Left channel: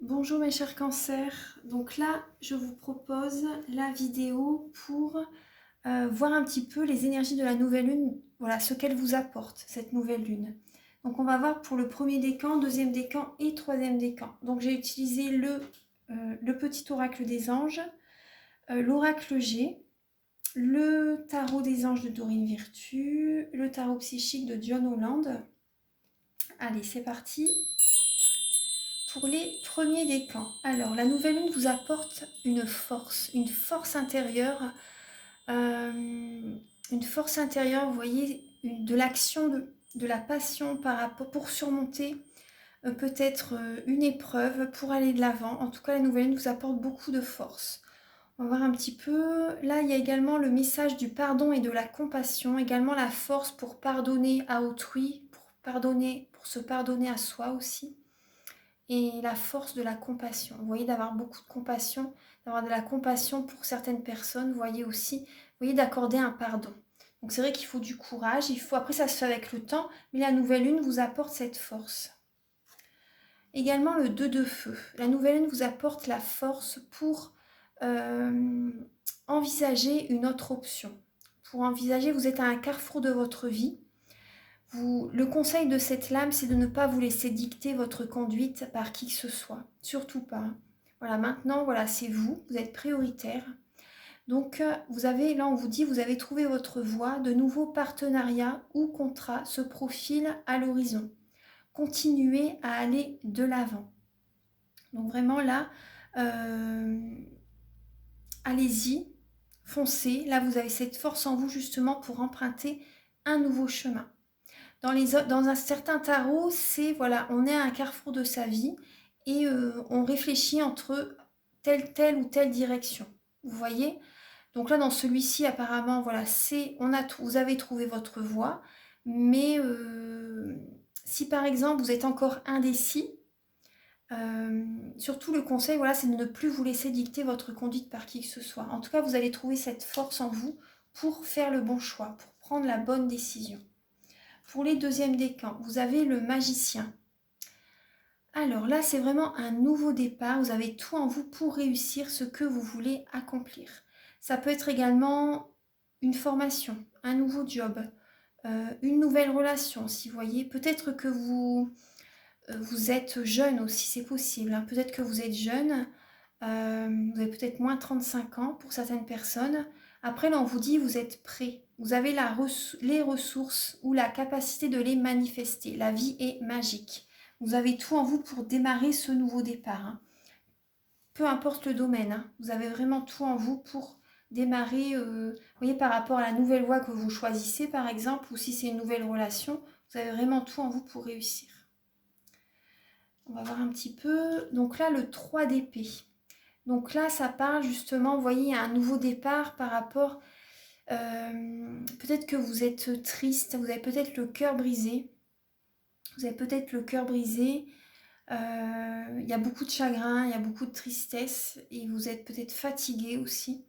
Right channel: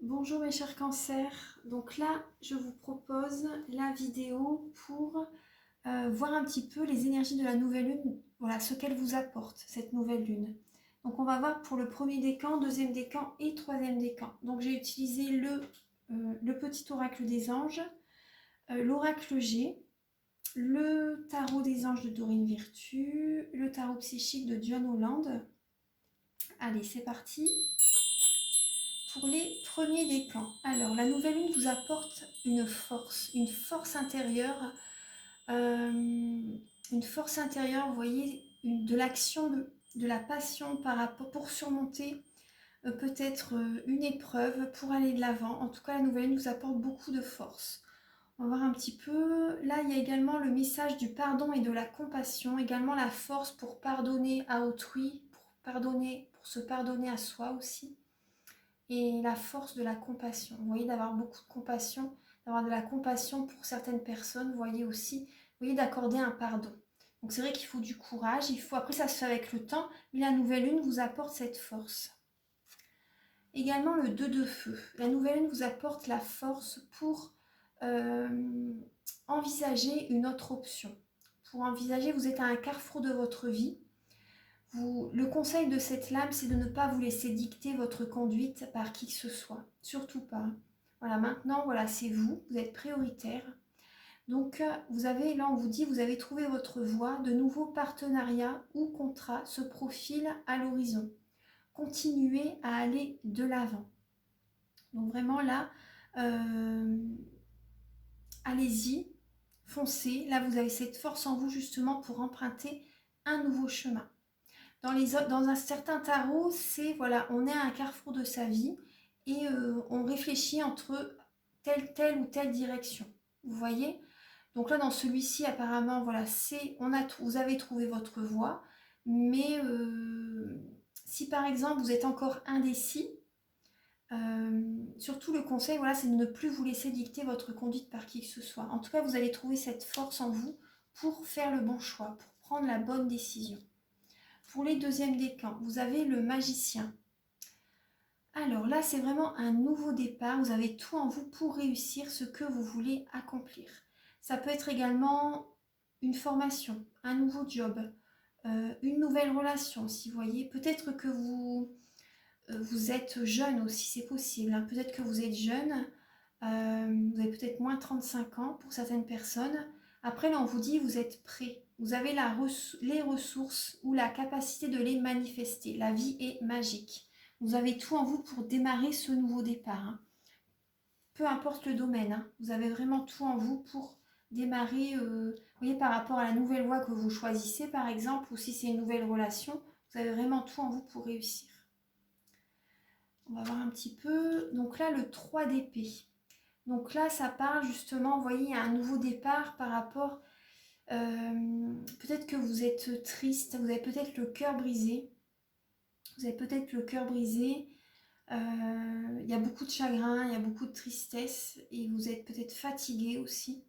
Bonjour mes chers cancers, donc là je vous propose la vidéo pour voir un petit peu les énergies de la nouvelle lune, voilà ce qu'elle vous apporte cette nouvelle lune. Donc on va voir pour le premier décan, deuxième décan et troisième décan. Donc j'ai utilisé le petit oracle des anges, l'oracle G, le tarot des anges de Dorine Virtue, le tarot psychique de John Holland. Allez c'est parti. Pour les premiers décans, alors la nouvelle lune vous apporte une force intérieure, vous voyez, de l'action, de la passion par rapport, pour surmonter peut-être une épreuve, pour aller de l'avant. En tout cas, la nouvelle lune vous apporte beaucoup de force. On va voir un petit peu. Là, il y a également le message du pardon et de la compassion, également la force pour pardonner à autrui, pour se pardonner à soi aussi et la force de la compassion. Vous voyez, d'avoir beaucoup de compassion, d'avoir de la compassion pour certaines personnes, vous voyez aussi, vous voyez, d'accorder un pardon. Donc c'est vrai qu'il faut du courage, après ça se fait avec le temps, mais la nouvelle lune vous apporte cette force. Également le 2 de feu. La nouvelle lune vous apporte la force pour envisager une autre option. Pour envisager, vous êtes à un carrefour de votre vie. Le conseil de cette lame, c'est de ne pas vous laisser dicter votre conduite par qui que ce soit. Surtout pas. Voilà, maintenant, voilà, c'est vous, vous êtes prioritaire. Donc, vous avez, là, on vous dit, vous avez trouvé votre voie, de nouveaux partenariats ou contrats se profilent à l'horizon. Continuez à aller de l'avant. Donc, vraiment, là, allez-y, foncez. Là, vous avez cette force en vous, justement, pour emprunter un nouveau chemin. Dans un certain tarot, c'est voilà, on est à un carrefour de sa vie et on réfléchit entre telle ou telle direction. Vous voyez? Donc là, dans celui-ci, apparemment, voilà, vous avez trouvé votre voie, mais si par exemple vous êtes encore indécis, surtout le conseil, voilà, c'est de ne plus vous laisser dicter votre conduite par qui que ce soit. En tout cas, vous allez trouver cette force en vous pour faire le bon choix, pour prendre la bonne décision. Pour les deuxièmes décans, vous avez le magicien. Alors là, c'est vraiment un nouveau départ. Vous avez tout en vous pour réussir ce que vous voulez accomplir. Ça peut être également une formation, un nouveau job, une nouvelle relation, si vous voyez. Peut-être que vous êtes jeune aussi, c'est possible, hein. Peut-être que vous êtes jeune, vous avez peut-être moins 35 ans pour certaines personnes. Après, là, on vous dit, vous êtes prêt. Vous avez les ressources ou la capacité de les manifester. La vie est magique. Vous avez tout en vous pour démarrer ce nouveau départ, hein. Peu importe le domaine, hein. Vous avez vraiment tout en vous pour démarrer, vous voyez, par rapport à la nouvelle voie que vous choisissez, par exemple, ou si c'est une nouvelle relation, vous avez vraiment tout en vous pour réussir. On va voir un petit peu. Donc là, le 3 d'épée. Donc là, ça parle justement, vous voyez, à un nouveau départ par rapport... peut-être que vous êtes triste, vous avez peut-être le cœur brisé. Vous avez peut-être le cœur brisé. Il y a beaucoup de chagrin, il y a beaucoup de tristesse et vous êtes peut-être fatigué aussi.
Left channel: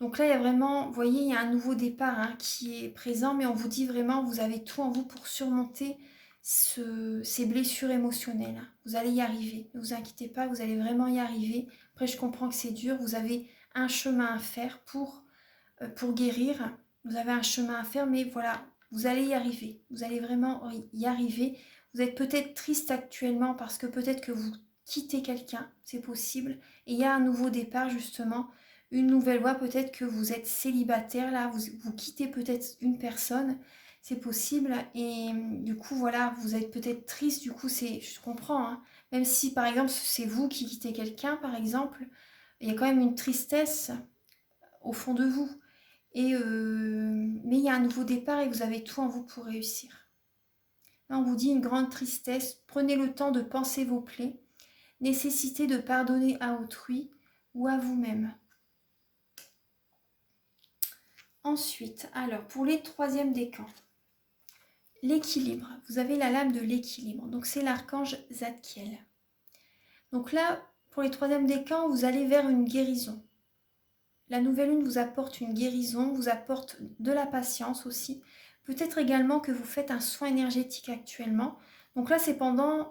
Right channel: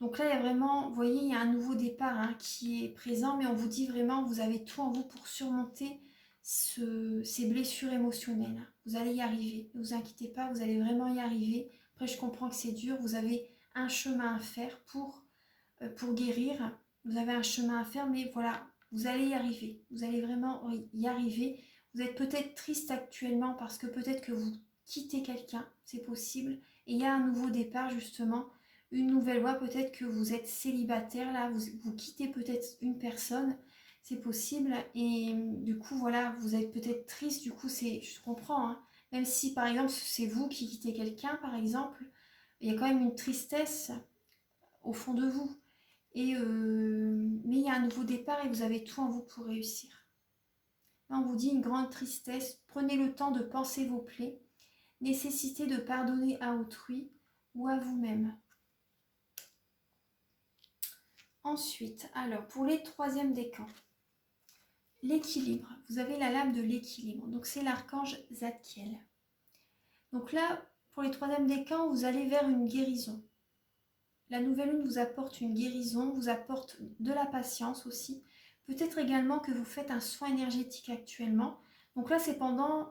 Donc là, il y a vraiment, vous voyez, il y a un nouveau départ, hein, qui est présent, mais on vous dit vraiment, vous avez tout en vous pour surmonter ces blessures émotionnelles. Vous allez y arriver, ne vous inquiétez pas, vous allez vraiment y arriver. Après, je comprends que c'est dur, vous avez un chemin à faire pour guérir. Vous avez un chemin à faire, mais voilà, vous allez y arriver. Vous allez vraiment y arriver. Vous êtes peut-être triste actuellement parce que peut-être que vous quittez quelqu'un, c'est possible. Et il y a un nouveau départ, justement, une nouvelle voie. Peut-être que vous êtes célibataire, là, vous quittez peut-être une personne, c'est possible. Et du coup, voilà, vous êtes peut-être triste, du coup, je comprends, hein. Même si, par exemple, c'est vous qui quittez quelqu'un, par exemple, il y a quand même une tristesse au fond de vous. Mais il y a un nouveau départ et vous avez tout en vous pour réussir. Là, on vous dit une grande tristesse. Prenez le temps de penser vos plaies. Nécessité de pardonner à autrui ou à vous-même. Ensuite, alors pour les troisièmes décans, l'équilibre. Vous avez la lame de l'équilibre. Donc c'est l'archange Zadkiel. Donc là, pour les troisièmes décans, vous allez vers une guérison. La nouvelle lune vous apporte une guérison, vous apporte de la patience aussi. Peut-être également que vous faites un soin énergétique actuellement. Donc là,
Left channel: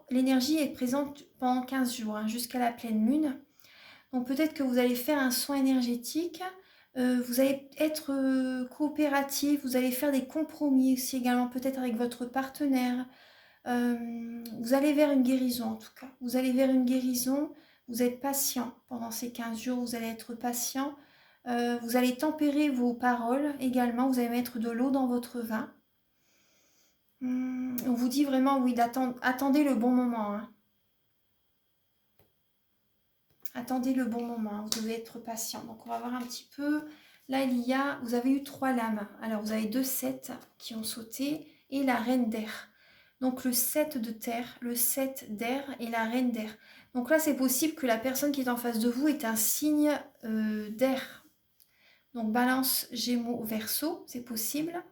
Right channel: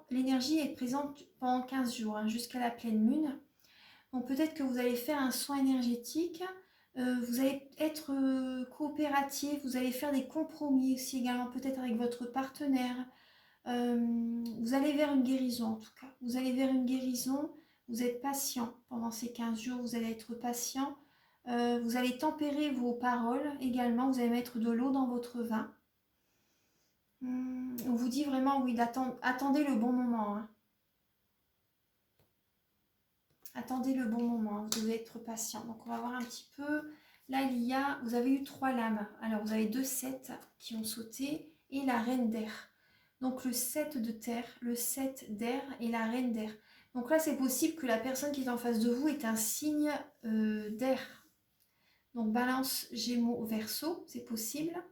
l'énergie est présente pendant 15 jours, hein, jusqu'à la pleine lune. Donc peut-être que vous allez faire un soin énergétique, vous allez être coopératif, vous allez faire des compromis aussi également, peut-être avec votre partenaire. Vous allez vers une guérison en tout cas. Vous allez vers une guérison, vous êtes patient pendant ces 15 jours, vous allez être patient. Vous allez tempérer vos paroles également, vous allez mettre de l'eau dans votre vin. On vous dit vraiment, oui, attendez le bon moment. Hein. Attendez le bon moment, hein. Vous devez être patient. Donc on va voir un petit peu. Là, vous avez eu 3 lames. Alors vous avez 2 7 qui ont sauté et la reine d'air. Donc le 7 de terre, le 7 d'air et la reine d'air. Donc là, c'est possible que la personne qui est en face de vous ait un signe d'air. Donc balance, gémeaux, verseau, c'est possible.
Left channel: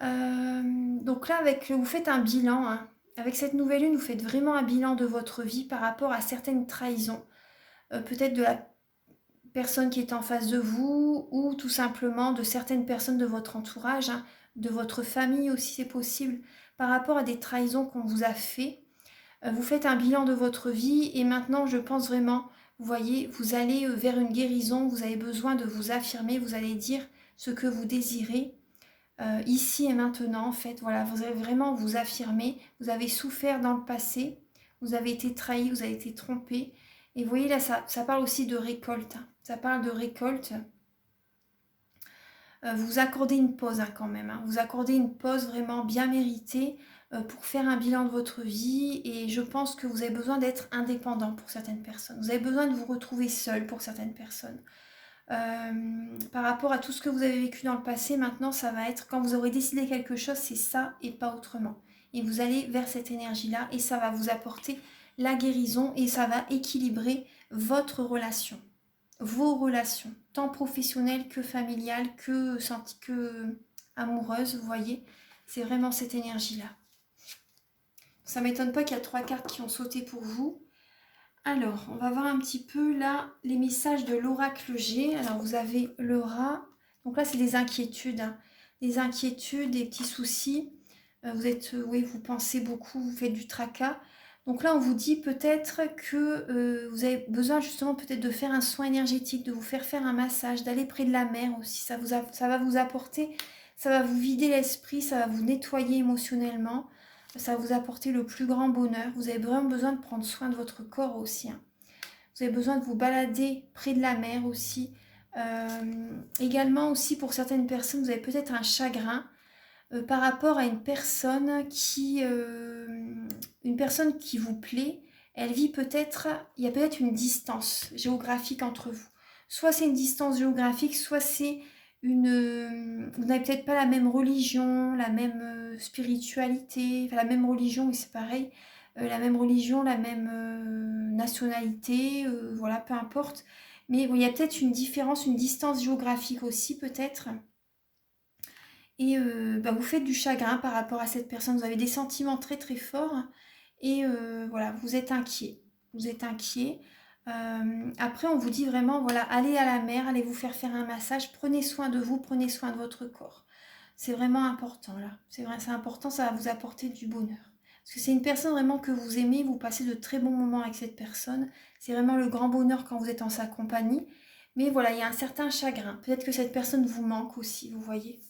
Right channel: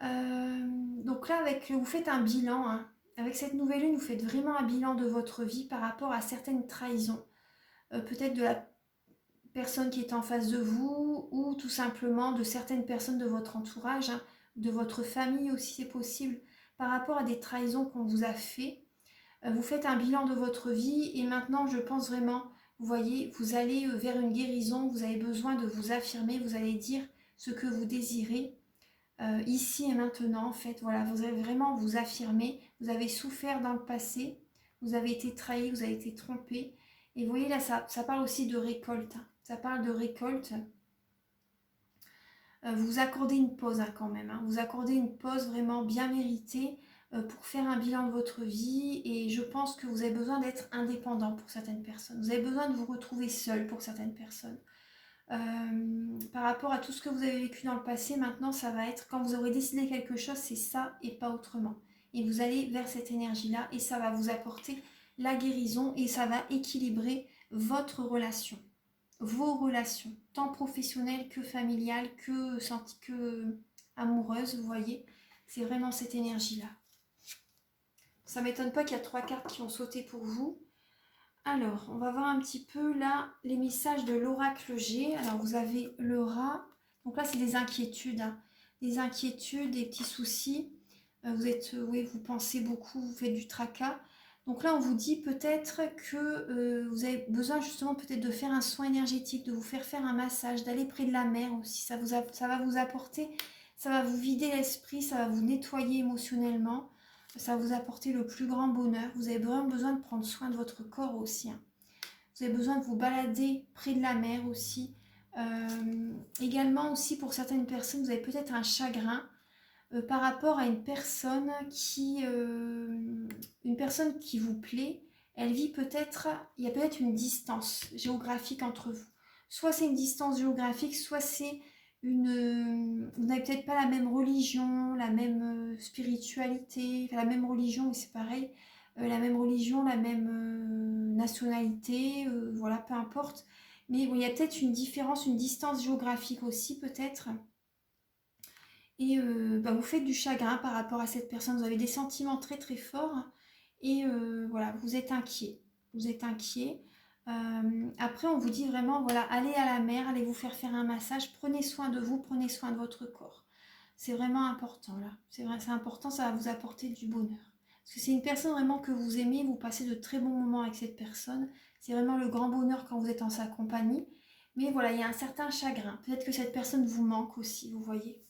Donc là, vous faites un bilan. Hein. Avec cette nouvelle lune, vous faites vraiment un bilan de votre vie par rapport à certaines trahisons. Peut-être de la personne qui est en face de vous ou tout simplement de certaines personnes de votre entourage, hein, de votre famille aussi c'est possible, par rapport à des trahisons qu'on vous a fait. Vous faites un bilan de votre vie et maintenant je pense vraiment, vous voyez, vous allez vers une guérison, vous avez besoin de vous affirmer, vous allez dire ce que vous désirez ici et maintenant en fait, voilà, vous allez vraiment vous affirmer, vous avez souffert dans le passé, vous avez été trahi, vous avez été trompé et vous voyez là ça parle aussi de récolte, hein. Ça parle de récolte. Vous accordez une pause hein, quand même. Hein. Vous accordez une pause vraiment bien méritée pour faire un bilan de votre vie. Et je pense que vous avez besoin d'être indépendant pour certaines personnes. Vous avez besoin de vous retrouver seul pour certaines personnes. Par rapport à tout ce que vous avez vécu dans le passé, maintenant ça va être, quand vous aurez décidé quelque chose, c'est ça et pas autrement. Et vous allez vers cette énergie-là et ça va vous apporter la guérison et ça va équilibrer votre relation. Vos relations, tant professionnelles que familiales, que amoureuses, vous voyez, c'est vraiment cette énergie-là. Ça ne m'étonne pas qu'il y a 3 cartes qui ont sauté pour vous. Alors, on va voir un petit peu là les messages de l'oracle G. Alors, vous avez le rat. Donc là, c'est des inquiétudes. Hein. Des inquiétudes, des petits soucis. Vous pensez beaucoup, vous faites du tracas. Donc là, on vous dit peut-être que vous avez besoin justement peut-être de faire un soin énergétique, de vous faire un massage, d'aller près de la mer aussi. Ça va vous apporter, ça va vous vider l'esprit, ça va vous nettoyer émotionnellement. Ça va vous apporter le plus grand bonheur. Vous avez vraiment besoin de prendre soin de votre corps aussi. Hein. Vous avez besoin de vous balader près de la mer aussi. Également aussi pour certaines personnes, vous avez peut-être un chagrin par rapport à une personne qui vous plaît. Elle vit peut-être, il y a peut-être une distance géographique entre vous. Soit c'est une distance géographique, soit c'est vous n'avez peut-être pas la même religion, la même spiritualité, enfin la même religion, mais c'est pareil, la même religion, la même nationalité, voilà, peu importe. Mais bon, il y a peut-être une différence, une distance géographique aussi peut-être. Et vous faites du chagrin par rapport à cette personne, vous avez des sentiments très très forts et voilà, vous êtes inquiet. Vous êtes inquiet. Après, on vous dit vraiment, voilà, allez à la mer, allez vous faire un massage, prenez soin de vous, prenez soin de votre corps. C'est vraiment important là. C'est vrai, c'est important, ça va vous apporter du bonheur. Parce que c'est une personne vraiment que vous aimez, vous passez de très bons moments avec cette personne. C'est vraiment le grand bonheur quand vous êtes en sa compagnie. Mais voilà, il y a un certain chagrin. Peut-être que cette personne vous manque aussi, vous voyez.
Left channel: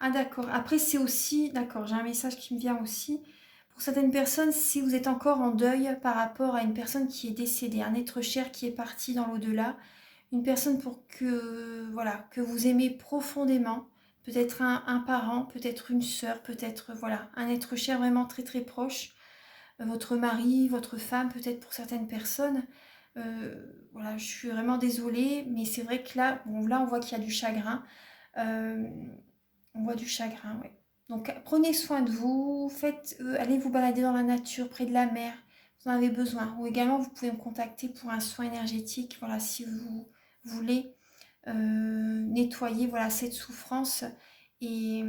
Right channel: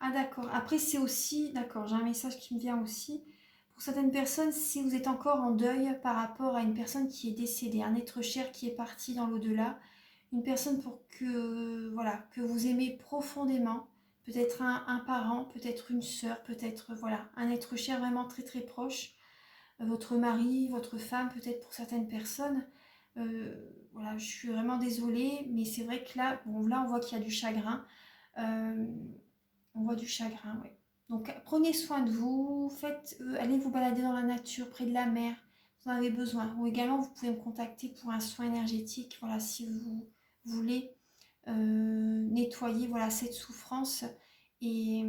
Ah d'accord. Après, c'est aussi, d'accord, j'ai un message qui me vient aussi. Pour certaines personnes, si vous êtes encore en deuil par rapport à une personne qui est décédée, un être cher qui est parti dans l'au-delà, une personne voilà, que vous aimez profondément, peut-être un parent, peut-être une sœur, peut-être voilà, un être cher vraiment très très proche, votre mari, votre femme, peut-être pour certaines personnes. Voilà, je suis vraiment désolée, mais c'est vrai que là, bon, là on voit qu'il y a du chagrin. Euh, on voit du chagrin, oui. Donc prenez soin de vous, allez vous balader dans la nature, près de la mer, vous en avez besoin. Ou également, vous pouvez me contacter pour un soin énergétique, voilà, si vous voulez nettoyer voilà, cette souffrance et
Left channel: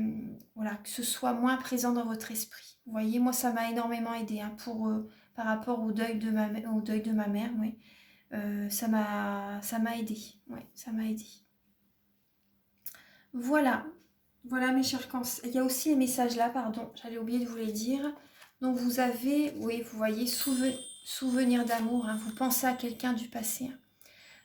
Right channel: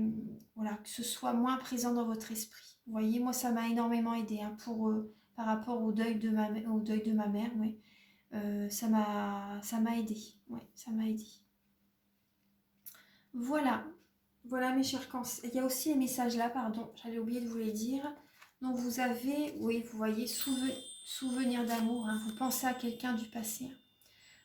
voilà, que ce soit moins présent dans votre esprit. Vous voyez, moi, ça m'a énormément aidé hein, par rapport au deuil de ma mère, oui. Ça m'a aidé, ouais, ça m'a aidé. Voilà, voilà mes chers cancers. Il y a aussi les messages là, pardon, j'allais oublier de vous les dire. Donc vous avez, oui, vous voyez, souvenir d'amour, hein, vous pensez à quelqu'un du passé. Hein.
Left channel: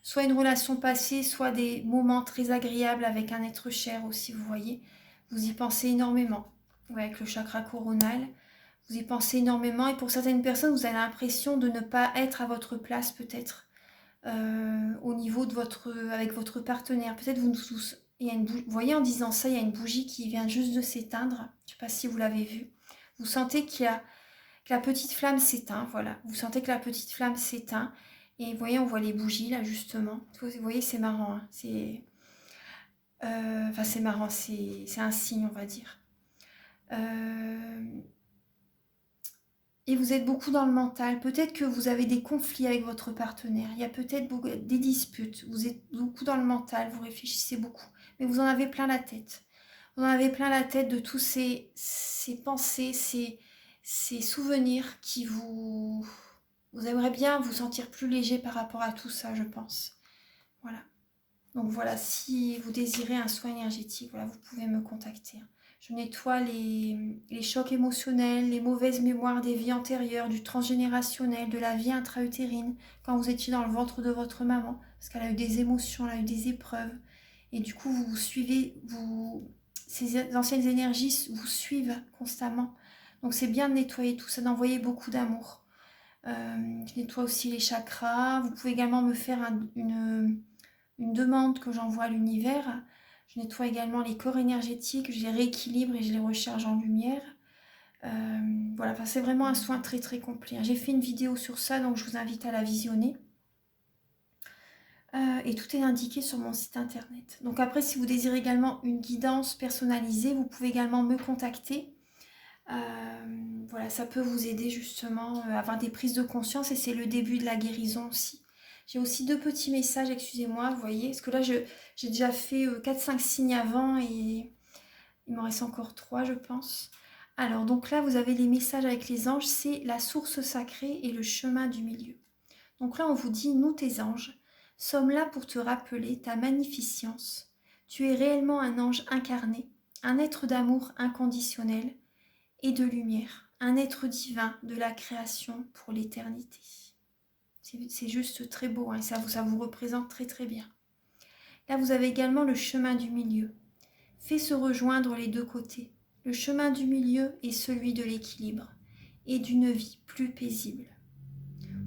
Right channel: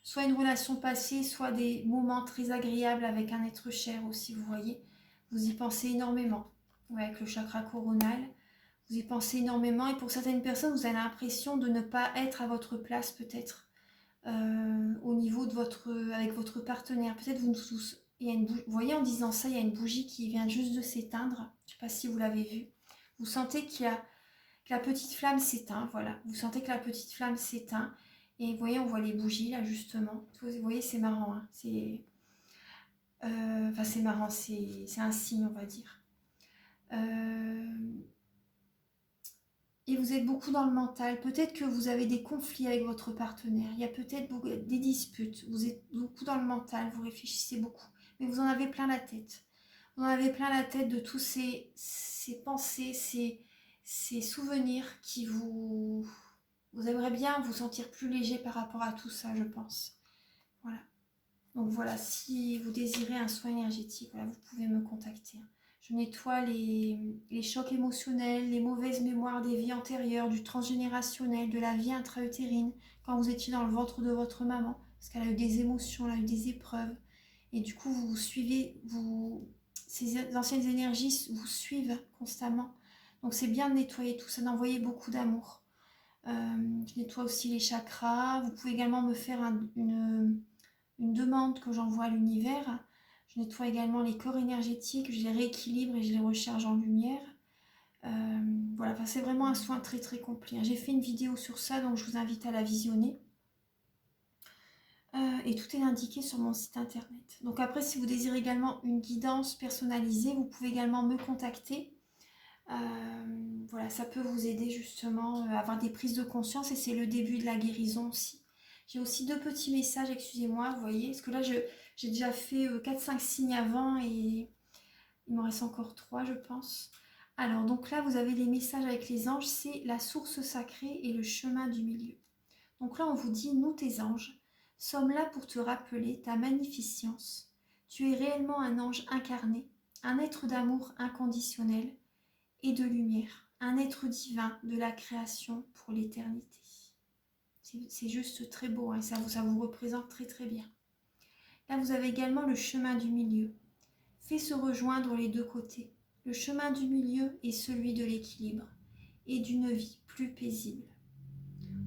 Soit une relation passée, soit des moments très agréables avec un être cher aussi, vous voyez. Vous y pensez énormément. Ouais, avec le chakra coronal, vous y pensez énormément. Et pour certaines personnes, vous avez l'impression de ne pas être à votre place peut-être. Au niveau de avec votre partenaire. Peut-être il y a vous voyez en disant ça, il y a une bougie qui vient juste de s'éteindre. Je ne sais pas si vous l'avez vu. Vous sentez que la petite flamme s'éteint, voilà. Vous sentez que la petite flamme s'éteint. Et vous voyez, on voit les bougies là justement. Vous voyez, c'est marrant. Hein. C'est marrant, c'est un signe, on va dire. Et vous êtes beaucoup dans le mental. Peut-être que vous avez des conflits avec votre partenaire. Il y a peut-être des disputes. Vous êtes beaucoup dans le mental, vous réfléchissez beaucoup. Mais vous en avez plein la tête. Vous en avez plein la tête de tous ces pensées, ces souvenirs qui vous... Vous aimeriez bien vous sentir plus léger par rapport à tout ça, je pense. Voilà. Donc voilà, si vous désirez un soin énergétique, voilà, vous pouvez me contacter. Je nettoie les chocs émotionnels, les mauvaises mémoires des vies antérieures, du transgénérationnel, de la vie intra-utérine, quand vous étiez dans le ventre de votre maman, parce qu'elle a eu des émotions, elle a eu des épreuves. Et du coup, vous suivez, ces anciennes énergies vous suivent constamment. Donc c'est bien de nettoyer tout ça, d'envoyer beaucoup d'amour. Je nettoie aussi les chakras. Vous pouvez également me faire une demande que j'envoie à l'univers. Je nettoie également les corps énergétiques, je les rééquilibre et je les recharge en lumière. Voilà, enfin, c'est vraiment un soin très très complet. J'ai fait une vidéo sur ça, donc je vous invite à la visionner. Et tout est indiqué sur mon site internet. Donc après, si vous désirez également une guidance personnalisée, vous pouvez également me contacter. Voilà, ça peut vous aider justement à avoir des prises de conscience et c'est le début de la guérison aussi. J'ai aussi 2 petits messages, excusez-moi, vous voyez, parce que là j'ai déjà fait 4-5 signes avant et il m'en reste encore 3 je pense. Alors donc là vous avez les messages avec les anges, c'est la source sacrée et le chemin du milieu. Donc là on vous dit, nous tes anges, sommes là pour te rappeler ta magnificence. Tu es réellement un ange incarné, un être d'amour inconditionnel et de lumière, un être divin de la création pour l'éternité. C'est juste très beau, hein, et ça vous représente très très bien. Là, vous avez également le chemin du milieu. Fais se rejoindre les 2 côtés. Le chemin du milieu est celui de l'équilibre et d'une vie plus paisible.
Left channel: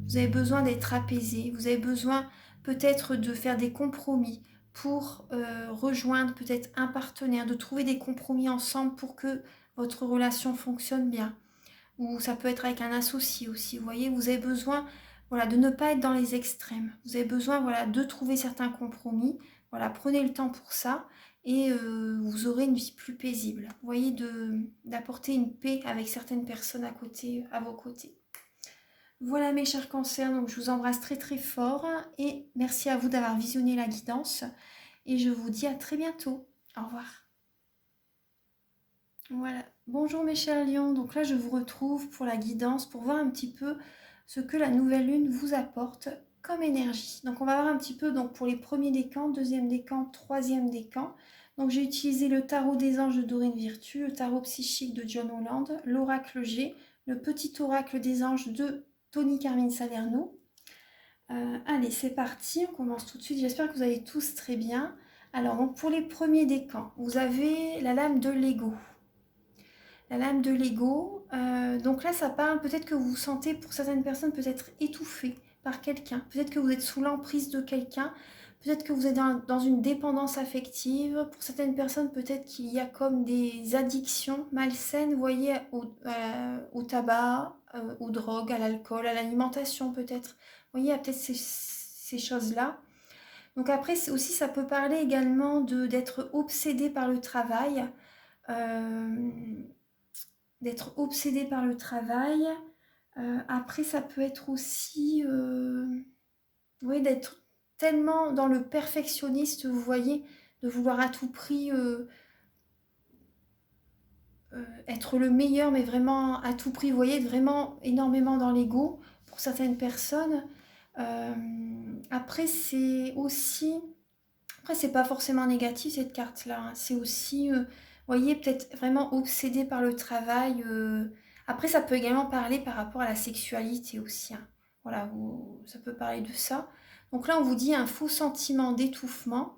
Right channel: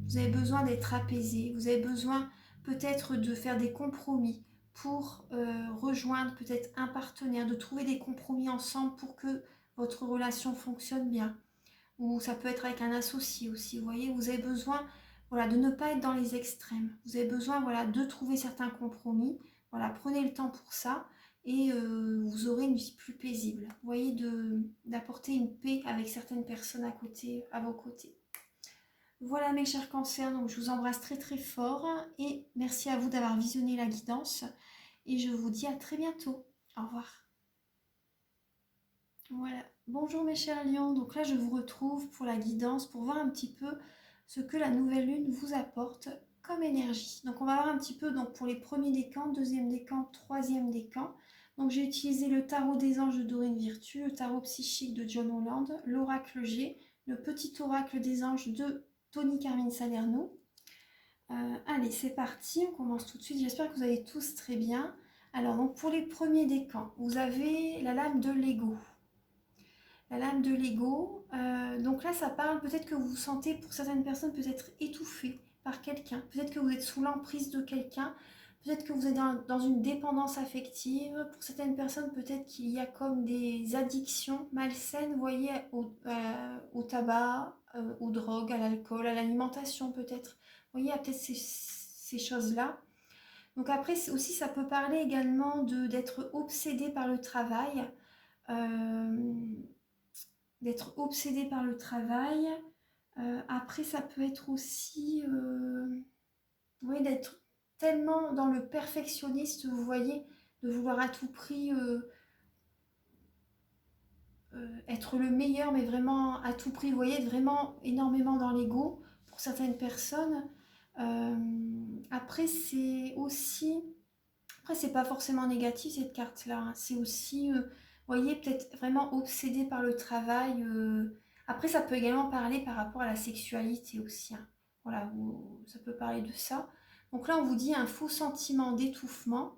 Vous avez besoin d'être apaisé, vous avez besoin peut-être de faire des compromis pour rejoindre peut-être un partenaire, de trouver des compromis ensemble pour que votre relation fonctionne bien. Ou ça peut être avec un associé aussi, vous voyez, vous avez besoin de ne pas être dans les extrêmes. Vous avez besoin de trouver certains compromis. Voilà, prenez le temps pour ça et vous aurez une vie plus paisible. Vous voyez, d'apporter une paix avec certaines personnes à vos côtés. Voilà mes chers cancers, donc je vous embrasse très très fort et merci à vous d'avoir visionné la guidance et je vous dis à très bientôt. Au revoir. Voilà. Bonjour mes chers lions, donc là je vous retrouve pour la guidance, pour voir un petit peu ce que la nouvelle lune vous apporte comme énergie. Donc on va voir un petit peu donc, pour les premiers décans, deuxième décan, troisième décan. Donc j'ai utilisé le tarot des anges de Dorine Virtue, le tarot psychique de John Holland, l'oracle G, le petit oracle des anges de Tony Carmine Salerno. Allez, c'est parti, on commence tout de suite. J'espère que vous allez tous très bien. Alors, donc, pour les premiers décans, vous avez la lame de l'ego. La lame de l'ego, donc là, ça parle, peut-être que vous vous sentez, pour certaines personnes, peut-être étouffé par quelqu'un. Peut-être que vous êtes sous l'emprise de quelqu'un. Peut-être que vous êtes dans une dépendance affective. Pour certaines personnes, peut-être qu'il y a comme des addictions malsaines, vous voyez, au tabac, aux drogues, à l'alcool, à l'alimentation peut-être. Vous voyez, il y a peut-être ces choses-là. Donc après, aussi, ça peut parler également d'être obsédé par le travail. D'être obsédé par le travail. Après, ça peut être aussi oui, d'être tellement dans le perfectionniste, vous voyez, de vouloir à tout prix être le meilleur, mais vraiment à tout prix, vous voyez, vraiment énormément dans l'ego pour certaines personnes. Après, c'est aussi... Après, c'est pas forcément négatif cette carte-là, hein. C'est aussi, vous voyez, peut-être vraiment obsédé par le travail, Après, ça peut également parler par rapport à la sexualité aussi, hein. Voilà, ça peut parler de ça. Donc là, on vous dit un faux sentiment d'étouffement,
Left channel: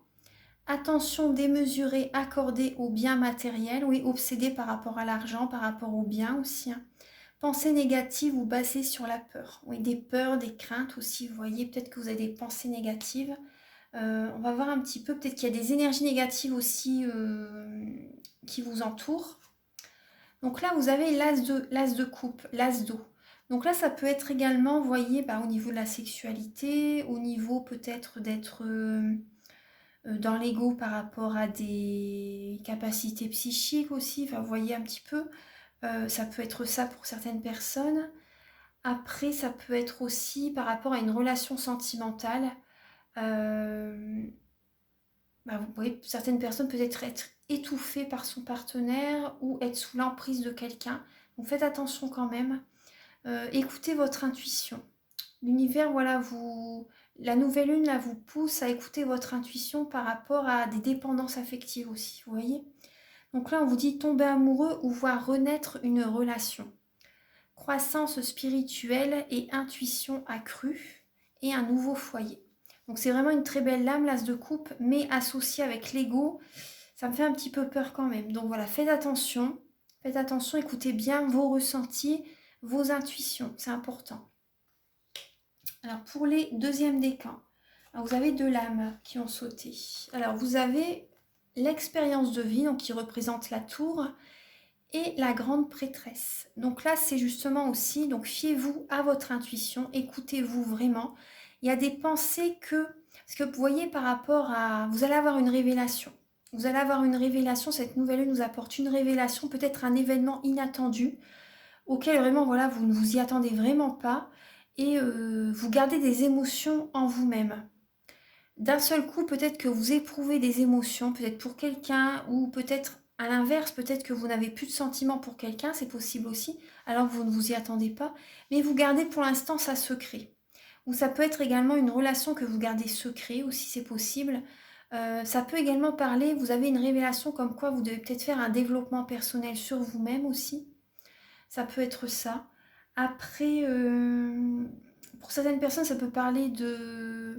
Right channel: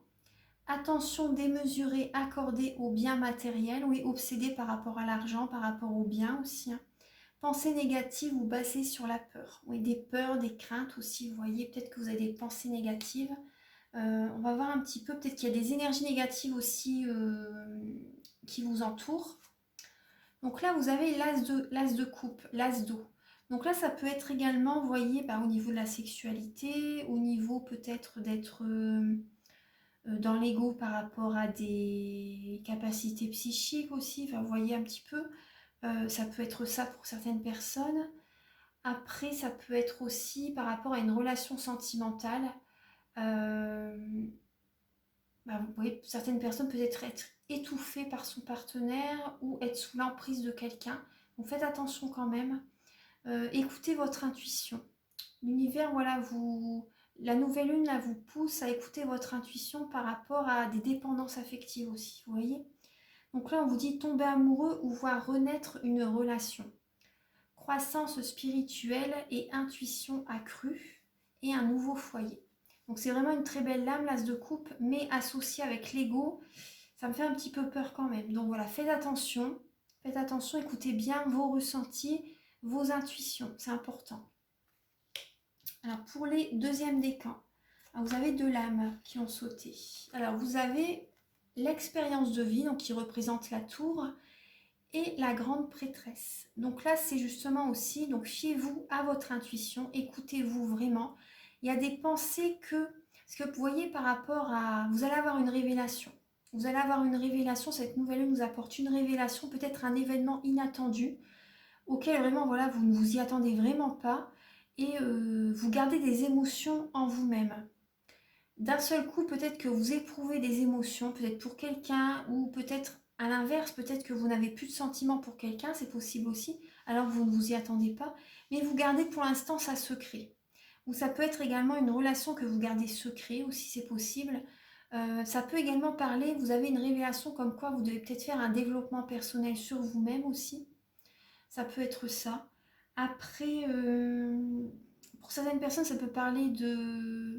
attention démesurée accordée aux biens matériels, oui, obsédé par rapport à l'argent, par rapport aux biens aussi, hein. Pensées négatives ou basées sur la peur. Oui, des peurs, des craintes aussi, vous voyez, peut-être que vous avez des pensées négatives. On va voir un petit peu, peut-être qu'il y a des énergies négatives aussi qui vous entourent. Donc là, vous avez l'as de coupe, l'as d'eau. Donc là, ça peut être également, vous voyez, au niveau de la sexualité, au niveau peut-être d'être dans l'ego par rapport à des capacités psychiques aussi. Enfin, vous voyez un petit peu, ça peut être ça pour certaines personnes. Après, ça peut être aussi par rapport à une relation sentimentale. Euh, vous voyez, certaines personnes peuvent être étouffées par son partenaire ou être sous l'emprise de quelqu'un. Donc faites attention quand même. Écoutez votre intuition. L'univers, voilà, la nouvelle lune, là, vous pousse à écouter votre intuition par rapport à des dépendances affectives aussi, vous voyez. Donc là, on vous dit tomber amoureux ou voir renaître une relation. Croissance spirituelle et intuition accrue et un nouveau foyer. Donc c'est vraiment une très belle lame, l'as de coupe, mais associée avec l'ego, ça me fait un petit peu peur quand même. Donc voilà, faites attention, écoutez bien vos ressentis, vos intuitions, c'est important. Alors pour les deuxièmes décans, vous avez deux lames qui ont sauté. Alors vous avez l'expérience de vie, donc qui représente la tour, et la grande prêtresse. Donc là, c'est justement aussi, donc fiez-vous à votre intuition, écoutez-vous vraiment. Il y a des pensées parce que vous voyez par rapport à, vous allez avoir une révélation. Vous allez avoir une révélation, cette nouvelle lune nous apporte une révélation, peut-être un événement inattendu, auquel vraiment, voilà, vous ne vous y attendez vraiment pas, et vous gardez des émotions en vous-même. D'un seul coup, peut-être que vous éprouvez des émotions, peut-être pour quelqu'un, ou peut-être à l'inverse, peut-être que vous n'avez plus de sentiments pour quelqu'un, c'est possible aussi, alors que vous ne vous y attendez pas, mais vous gardez pour l'instant ça secret. Ou ça peut être également une relation que vous gardez secret aussi, c'est possible. Ça peut également parler, vous avez une révélation comme quoi vous devez peut-être faire un développement personnel sur vous-même aussi. Ça peut être ça. Après, pour certaines personnes, ça peut parler de...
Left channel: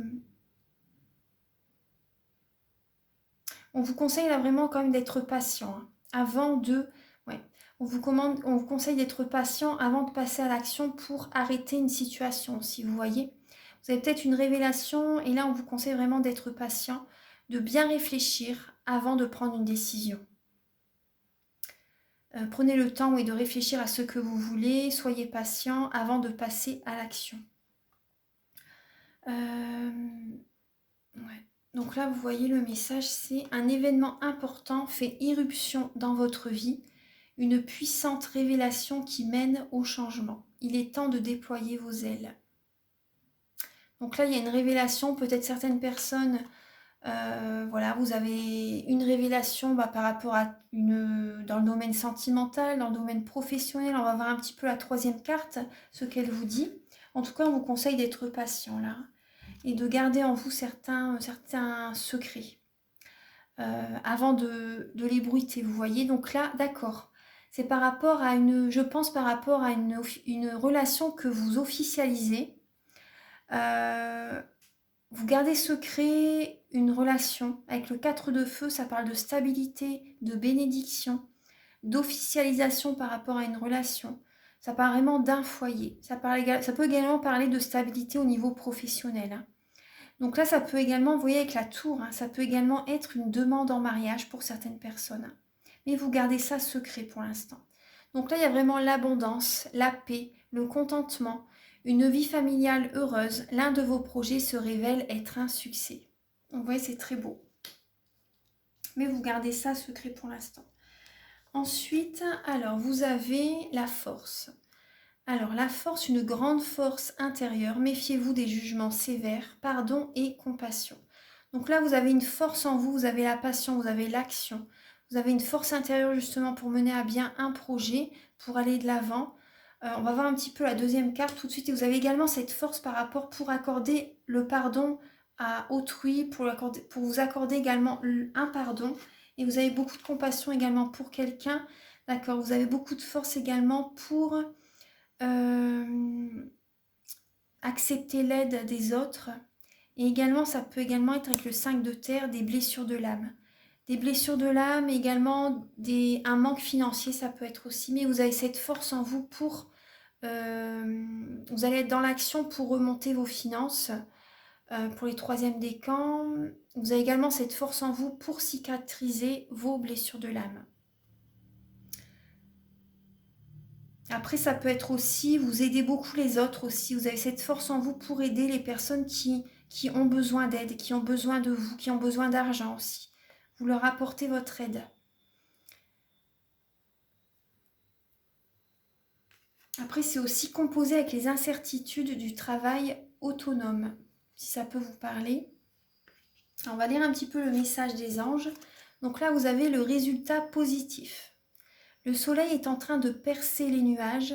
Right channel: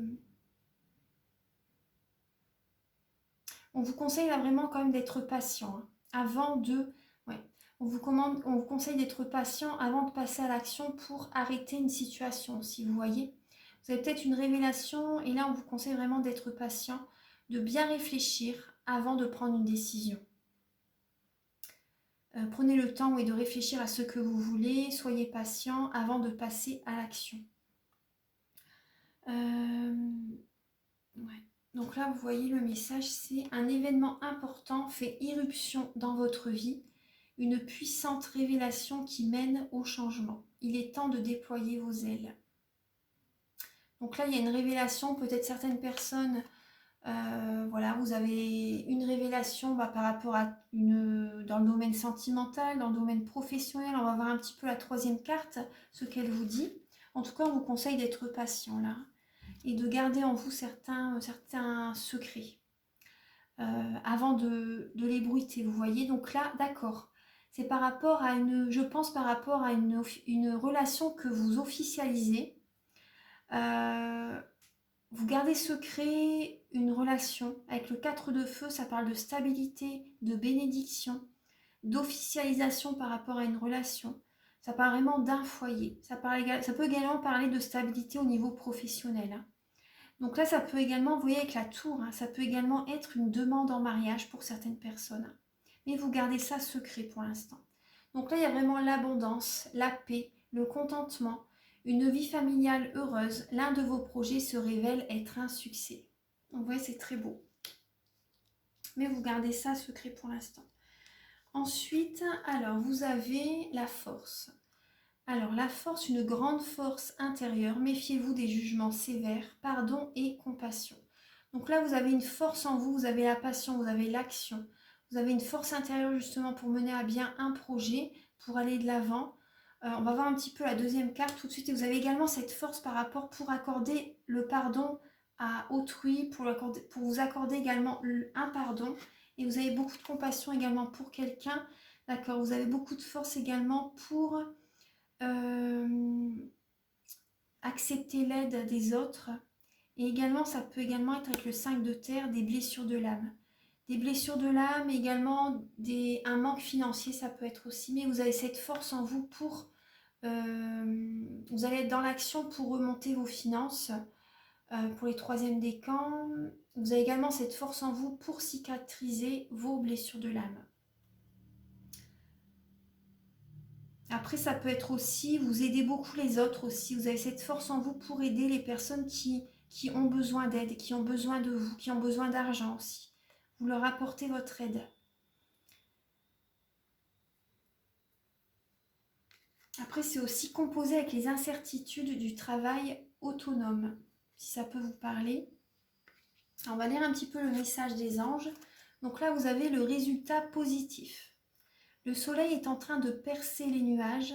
On vous conseille là vraiment quand même d'être patient, hein, avant de... Ouais. On vous conseille d'être patient avant de passer à l'action pour arrêter une situation, si vous voyez. Vous avez peut-être une révélation et là on vous conseille vraiment d'être patient, de bien réfléchir avant de prendre une décision. Prenez le temps de réfléchir à ce que vous voulez, soyez patient avant de passer à l'action. Ouais. Donc là, vous voyez le message, c'est un événement important fait irruption dans votre vie, une puissante révélation qui mène au changement. Il est temps de déployer vos ailes. Donc là, il y a une révélation, peut-être certaines personnes, voilà, vous avez une révélation par rapport à dans le domaine sentimental, dans le domaine professionnel. On va voir un petit peu la troisième carte, ce qu'elle vous dit. En tout cas, on vous conseille d'être patient là et de garder en vous certains secrets avant de les bruiter, vous voyez. Donc là, d'accord, c'est par rapport à je pense par rapport à une relation que vous officialisez. Vous gardez secret une relation. Avec le 4 de feu, ça parle de stabilité, de bénédiction, d'officialisation par rapport à une relation. Ça parle vraiment d'un foyer. Ça peut également parler de stabilité au niveau professionnel, hein. Donc là, ça peut également, vous voyez avec la tour, hein, ça peut également être une demande en mariage pour certaines personnes. Mais vous gardez ça secret pour l'instant. Donc là, il y a vraiment l'abondance, la paix, le contentement, une vie familiale heureuse. L'un de vos projets se révèle être un succès. Donc vous voyez, c'est très beau. Mais vous gardez ça secret pour l'instant. Ensuite, alors, vous avez la force. Alors, la force, une grande force intérieure. Méfiez-vous des jugements sévères, pardon et compassion. Donc là, vous avez une force en vous, vous avez la passion, vous avez l'action. Vous avez une force intérieure justement pour mener à bien un projet, pour aller de l'avant. On va voir un petit peu la deuxième carte tout de suite. Et vous avez également cette force par rapport pour accorder le pardon à autrui, pour vous accorder également un pardon. Et vous avez beaucoup de compassion également pour quelqu'un. D'accord, vous avez beaucoup de force également pour accepter l'aide des autres. Et également, ça peut également être avec le 5 de terre, des blessures de l'âme. Des blessures de l'âme, également un manque financier, ça peut être aussi. Mais vous avez cette force en vous pour... vous allez être dans l'action pour remonter vos finances. Pour les troisièmes décans, vous avez également cette force en vous pour cicatriser vos blessures de l'âme. Après, ça peut être aussi, vous aidez beaucoup les autres aussi. Vous avez cette force en vous pour aider les personnes qui ont besoin d'aide, qui ont besoin de vous, qui ont besoin d'argent aussi. Vous leur apportez votre aide. Après, c'est aussi composé avec les incertitudes du travail autonome, si ça peut vous parler. Alors, on va lire un petit peu le message des anges. Donc là, vous avez le résultat positif. Le soleil est en train de percer les nuages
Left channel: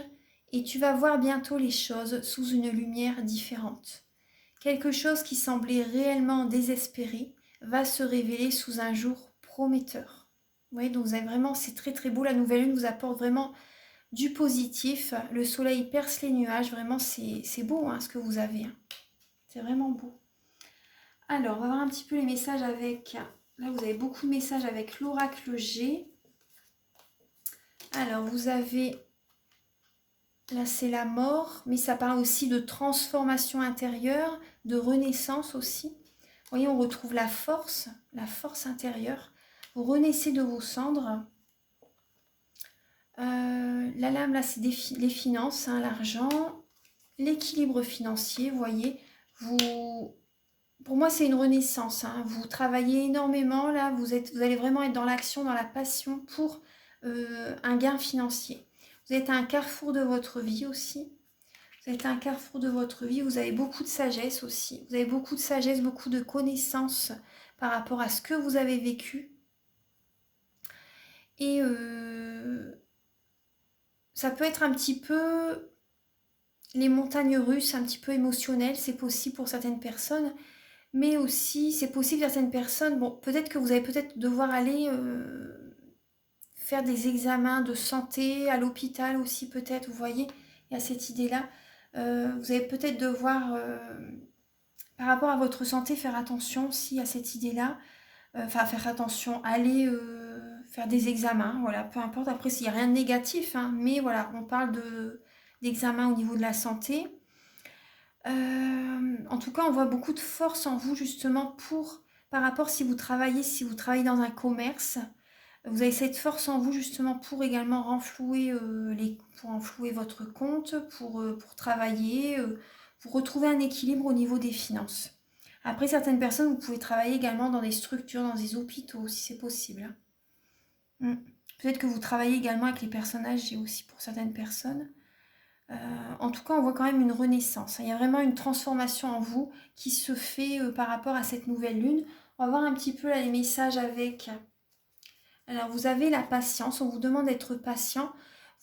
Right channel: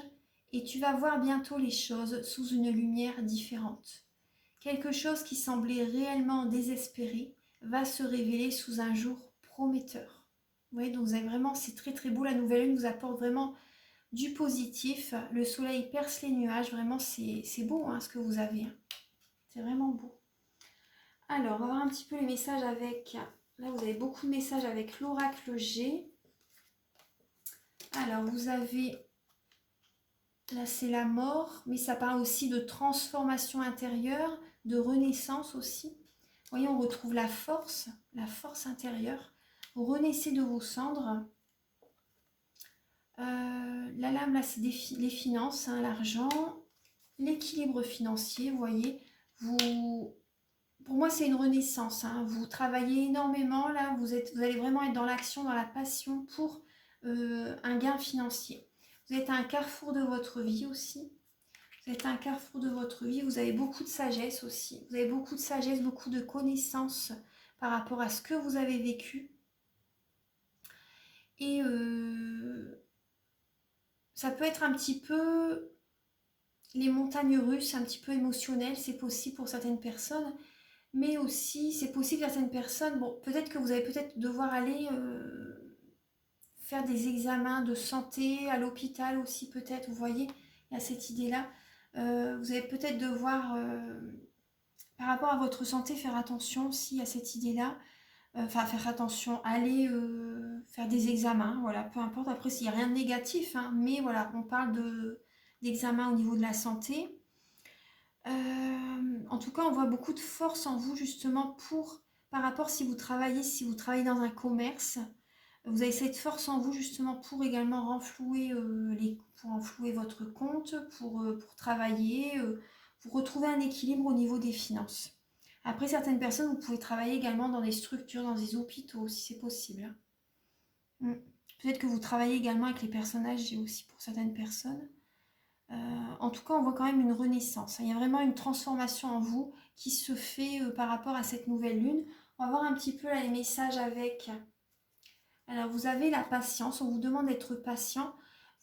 et tu vas voir bientôt les choses sous une lumière différente. Quelque chose qui semblait réellement désespéré va se révéler sous un jour prometteur. Vous voyez, donc vous avez vraiment, c'est très très beau. La nouvelle lune vous apporte vraiment du positif. Le soleil perce les nuages. Vraiment, c'est beau hein, ce que vous avez. C'est vraiment beau. Alors, on va voir un petit peu les messages avec... Là, vous avez beaucoup de messages avec l'oracle G. Alors, vous avez... Là, c'est la mort, mais ça parle aussi de transformation intérieure, de renaissance aussi. Vous voyez, on retrouve la force intérieure. Vous renaissez de vos cendres. La lame, là, c'est les finances, hein, l'argent, l'équilibre financier, vous voyez. Pour moi, c'est une renaissance. Hein. Vous travaillez énormément, là, vous allez vraiment être dans l'action, dans la passion pour un gain financier. Vous êtes à un carrefour de votre vie aussi. Vous êtes à un carrefour de votre vie. Vous avez beaucoup de sagesse aussi. Vous avez beaucoup de sagesse, beaucoup de connaissances par rapport à ce que vous avez vécu. Et ça peut être un petit peu les montagnes russes, un petit peu émotionnelles. C'est possible pour certaines personnes. Mais aussi, c'est possible pour certaines personnes. Bon, peut-être que vous allez peut-être devoir aller... faire des examens de santé à l'hôpital aussi peut-être, vous voyez, il y a cette idée-là. Vous allez peut-être devoir, par rapport à votre santé, faire attention aussi à cette idée-là. Enfin, faire attention, aller faire des examens, voilà, peu importe. Après, s'il n'y a rien de négatif, hein, mais voilà, on parle d'examens au niveau de la santé. En tout cas, on voit beaucoup de force en vous justement par rapport si vous travaillez dans un commerce. Vous avez cette force en vous justement pour également renflouer, pour renflouer votre compte, pour travailler, pour retrouver un équilibre au niveau des finances. Après, certaines personnes, vous pouvez travailler également dans des structures, dans des hôpitaux, si c'est possible. Peut-être que vous travaillez également avec les personnes âgées aussi pour certaines personnes. En tout cas, on voit quand même une renaissance. Il y a vraiment une transformation en vous qui se fait par rapport à cette nouvelle lune. On va voir un petit peu là, les messages avec... Alors, vous avez la patience, on vous demande d'être patient.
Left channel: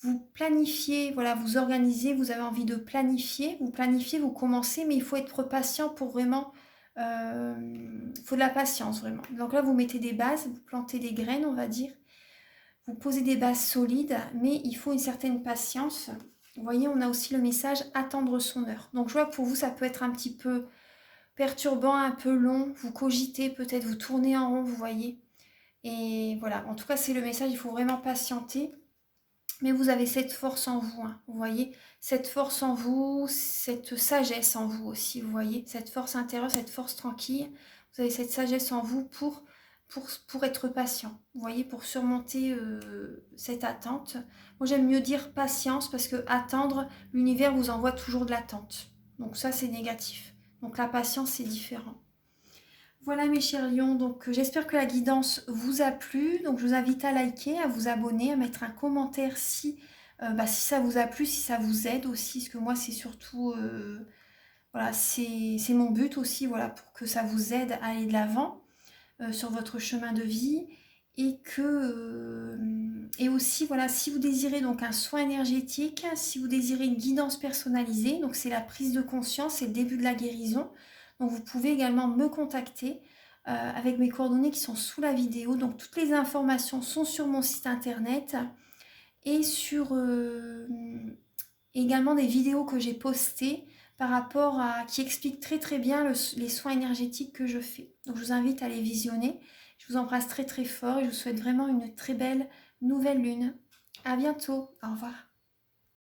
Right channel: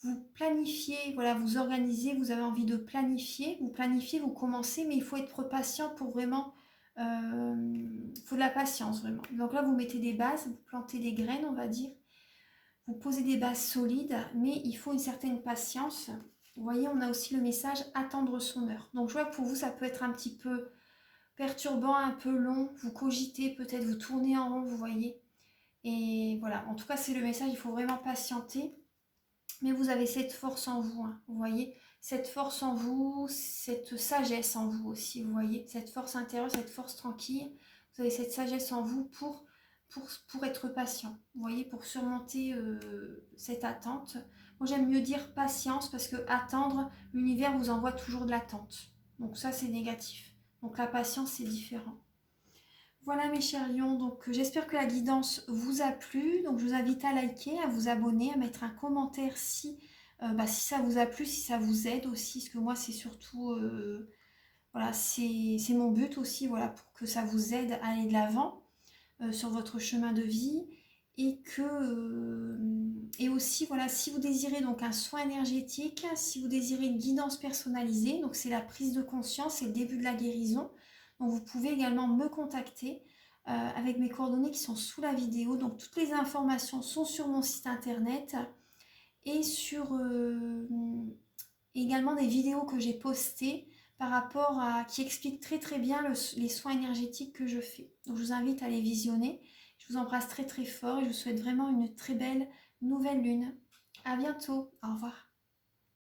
Vous planifiez, voilà, vous organisez, vous avez envie de planifier, vous commencez, mais il faut être patient pour vraiment... il faut de la patience, vraiment. Donc là, vous mettez des bases, vous plantez des graines, on va dire. Vous posez des bases solides, mais il faut une certaine patience. Vous voyez, on a aussi le message « attendre son heure ». Donc, je vois que pour vous, ça peut être un petit peu perturbant, un peu long. Vous cogitez, peut-être vous tournez en rond, vous voyez. Et voilà, en tout cas, c'est le message, il faut vraiment patienter. Mais vous avez cette force en vous, hein, vous voyez. Cette force en vous, cette sagesse en vous aussi, vous voyez. Cette force intérieure, cette force tranquille. Vous avez cette sagesse en vous pour être patient, vous voyez, pour surmonter cette attente. Moi, j'aime mieux dire patience parce que attendre, l'univers vous envoie toujours de l'attente. Donc ça, c'est négatif. Donc la patience, c'est différent. Voilà mes chers lions, donc j'espère que la guidance vous a plu. Donc je vous invite à liker, à vous abonner, à mettre un commentaire si ça vous a plu, si ça vous aide aussi, parce que moi c'est surtout, voilà, c'est mon but aussi, voilà, pour que ça vous aide à aller de l'avant sur votre chemin de vie. Et aussi, voilà, si vous désirez donc un soin énergétique, si vous désirez une guidance personnalisée, donc c'est la prise de conscience, c'est le début de la guérison. Donc vous pouvez également me contacter avec mes coordonnées qui sont sous la vidéo. Donc toutes les informations sont sur mon site internet. et sur également des vidéos que j'ai postées par rapport à qui expliquent très très bien les soins énergétiques que je fais. Donc je vous invite à les visionner. Je vous embrasse très très fort et je vous souhaite vraiment une très belle nouvelle lune. À bientôt. Au revoir.